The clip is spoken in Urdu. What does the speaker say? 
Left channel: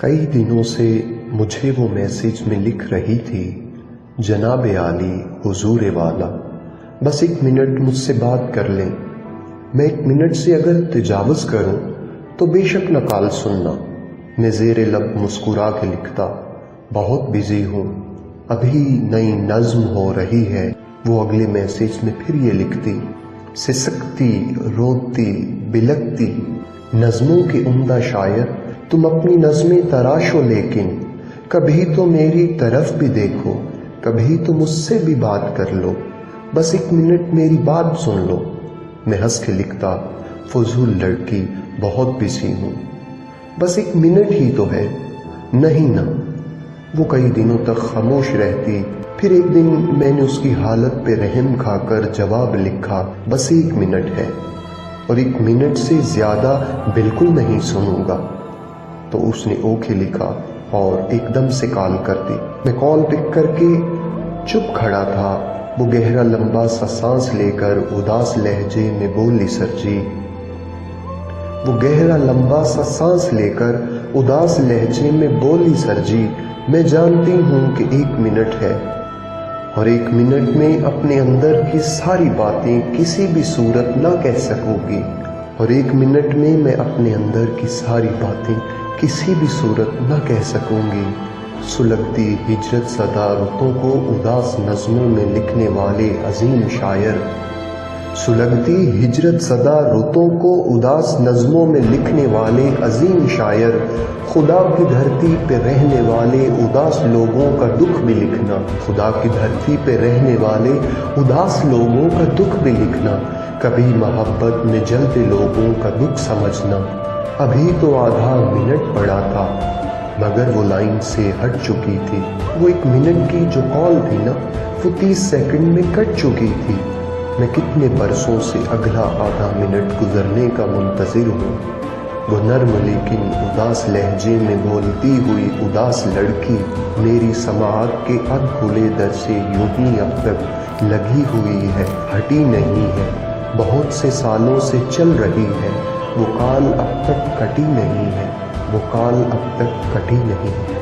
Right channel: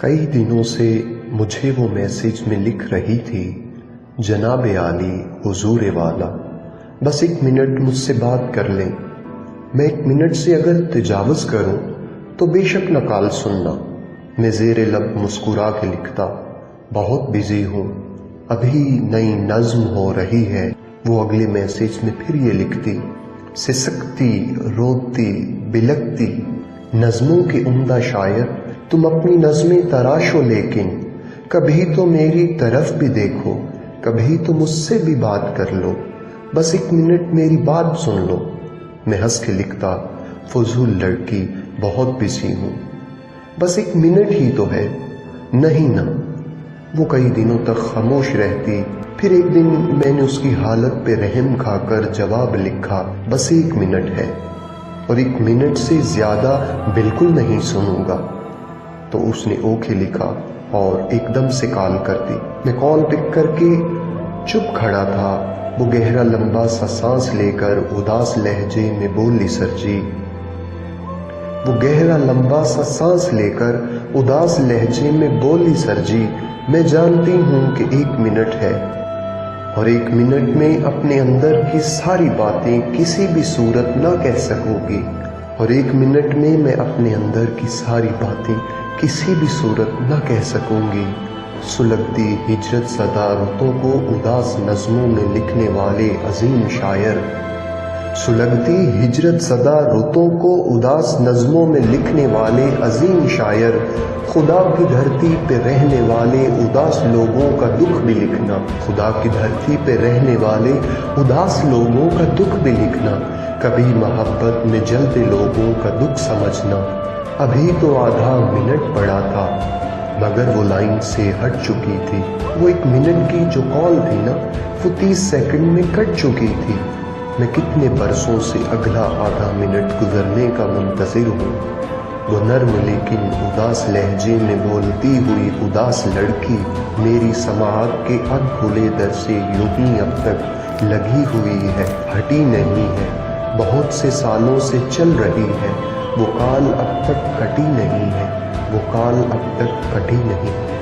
کئی دنوں سے مجھے وہ میسج میں لکھ رہی تھی، جناب عالی حضور والا، بس 1 منٹ مجھ سے بات کر لیں۔ میں 1 منٹ سے اگر تجاوز کروں تو بے شک نہ کال سننا۔ میں زیر لب مسکرا کے لکھتا، بہت بزی ہوں، ابھی نئی نظم ہو رہی ہے۔ وہ اگلے میسج میں پھر یہ لکھتی، سسکتی روتی بلکتی نظموں کے عمدہ شاعر، تم اپنی نظمیں تراشو لیکن کبھی تو میری طرف بھی دیکھو، کبھی تو مجھ سے بھی بات کر لو، بس 1 منٹ میری بات سن لو۔ میں ہنس کے لکھتا، فضول لڑکی، بہت بزی ہوں، بس 1 منٹ ہی تو ہے۔ نہیں نا۔ وہ کئی دنوں تک خاموش رہتی، پھر ایک دن میں نے اس کی حالت پہ رحم کھا کر جواب لکھا، بس 1 منٹ ہے اور 1 منٹ سے زیادہ بالکل نہیں سنوں گا۔ تو اس نے اوکے لکھا اور ایک دم سے کال کر دی۔ میں کال پک کر کے چپ کھڑا تھا۔ وہ گہرا لمبا سا سانس لے کر اداس لہجے میں بولی، سر جی۔ وہ گہرا لمبا سا سانس لے کر اداس لہجے میں بولی، سر جی، میں جانتی ہوں کہ 1 منٹ ہے اور 1 منٹ میں اپنے اندر کی ساری باتیں کسی بھی صورت نہ کہہ سکوں گی، اور 1 منٹ میں میں اپنے اندر کی ساری باتیں کسی بھی صورت نہ کہہ سکوں گی۔ سلگتی ہجرت زدہ رتوں کو اداس نظموں میں لکھنے والے عظیم شاعر، سلگتی ہجرت زدہ رتوں کو اداس نظموں میں لکھنے والے عظیم شاعر، خدا کی دھرتی پہ رہنے والے اداس لوگوں کا دکھ بھی لکھنا، خدا کی دھرتی پہ رہنے والے اداس لوگوں کا دکھ بھی لکھنا، کبھی محبت میں جلتے لوگوں کا دکھ سمجھنا۔ ابھی تو آدھا منٹ پڑا تھا مگر وہ لائن سے ہٹ چکی تھی۔ وہ 1 منٹ کی جو کال تھی نا، وہ 30 سیکنڈ میں کٹ چکی تھی۔ میں کتنے برسوں سے اگلا آدھا منٹ گزرنے کا منتظر ہوں۔ وہ نرم لیکن اداس لہجے میں بولتی ہوئی اداس لڑکی میری سماعت کے اب کھلے در سے یوں ہی اب تک لگی ہوئی ہے، ہٹی نہیں ہے، بہت سے سالوں سے چل رہی ہے۔ وہ کال اب تک کٹی نہیں ہے، وہ کال اب تک کٹی نہیں ہے۔